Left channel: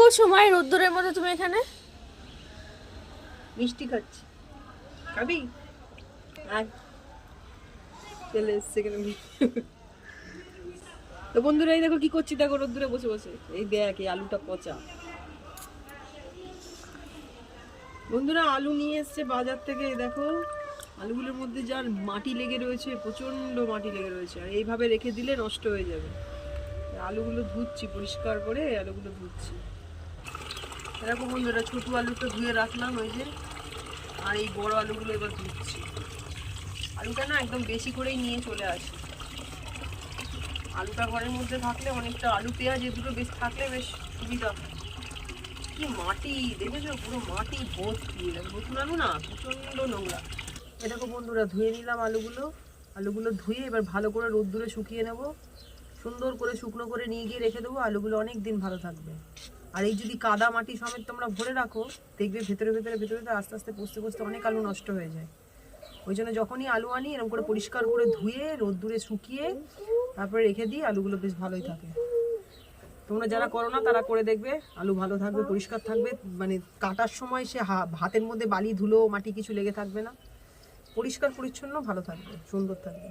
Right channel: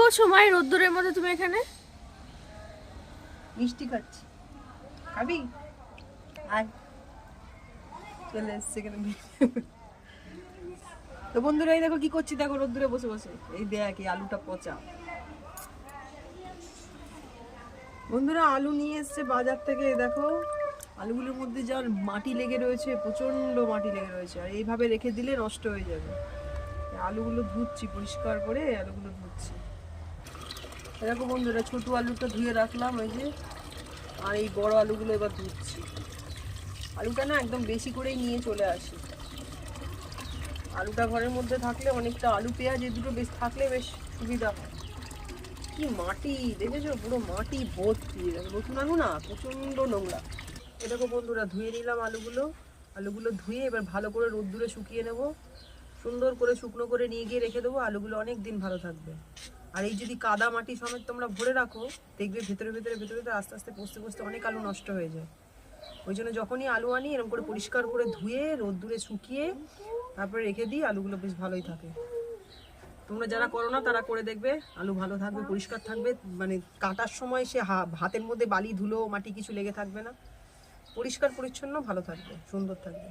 করছো মায়ের রোদ্দুরের মধ্যে তুমি এখানে? মিষ্টি খাচ্ছি, খাবি? আয়, চলে এসছে এখানে। তো বন্ধুরা এই দেখো কি করছি, দেখো রোদ্দুরে বসে বসে। এই দেখ এই আলুটা পচা। বন্ধুরা আলু নিয়ে এসছে বাজার থেকে, দেখো আলুগুলোর মধ্যে যার মাটি লেগে রয়েছে, প্রচন্ড মাটি লেগে রয়েছে, আর এইভাবে রেখে দিলে নষ্ট হয়ে যাবে। আলুগুলো ধুচ্ছি, পরিষ্কার করে আলুগুলো ধুচ্ছি। দেখো বন্ধুরা ছোট আলুটা ধুয়ে রাখলাম ওই যে, আর এই বড় আলুগুলো এবার ধুচ্ছি। আলুটা না একদম বেশি করেই নিয়ে চলে আসি। আলুটা ঘরের মধ্যে থাকলে অনেকটা, আলু পেঁয়াজ এই দুটো বেশ থাকলে বেশ সুবিধা। কি মাটি দেখেছো, পুরো মাটি ভর্তি। নতুন আলু না, প্রচন্ড নোংরা। এটাকে বন্ধুরা ধুয়ে নিলাম আলুগুলো ধুয়ে এবার ভালো করে রোদ্দুরে শুকিয়ে নেব। সুন্দর করে শুকনো করে নিয়ে গিয়ে রেখে দেবো, আলুগুলো অনেক দিন ভালো থাকবে। আর এই যদি কাদা মাটি সমেত তোমরা ভরে রাখো, দেখবে ভেতরে ভেতরে ভেতরে আস্তে আস্তে পচতে পচতে অনেক আলু নষ্ট হয়ে যায়। ওই জন্য যখনই আলু আনি এরকম করে পরিষ্কার করে ধুয়ে রোদ্দুরে শুকিয়ে তারপরে রেখে দিই, আলুগুলো বেশ ভালোই থাকে। তোমরা যারা করো না তারা করে দেখবে, আলু ভালো থাকবে, পরিষ্কার থাকবে। মানে কাটার সময় সে হাতের মধ্যে বালি ধুলো মাটি কিছু লেগে থাকবে না, পরিষ্কার পরিচ্ছন্ন ভালো থাকবে, সুন্দর থাকবে।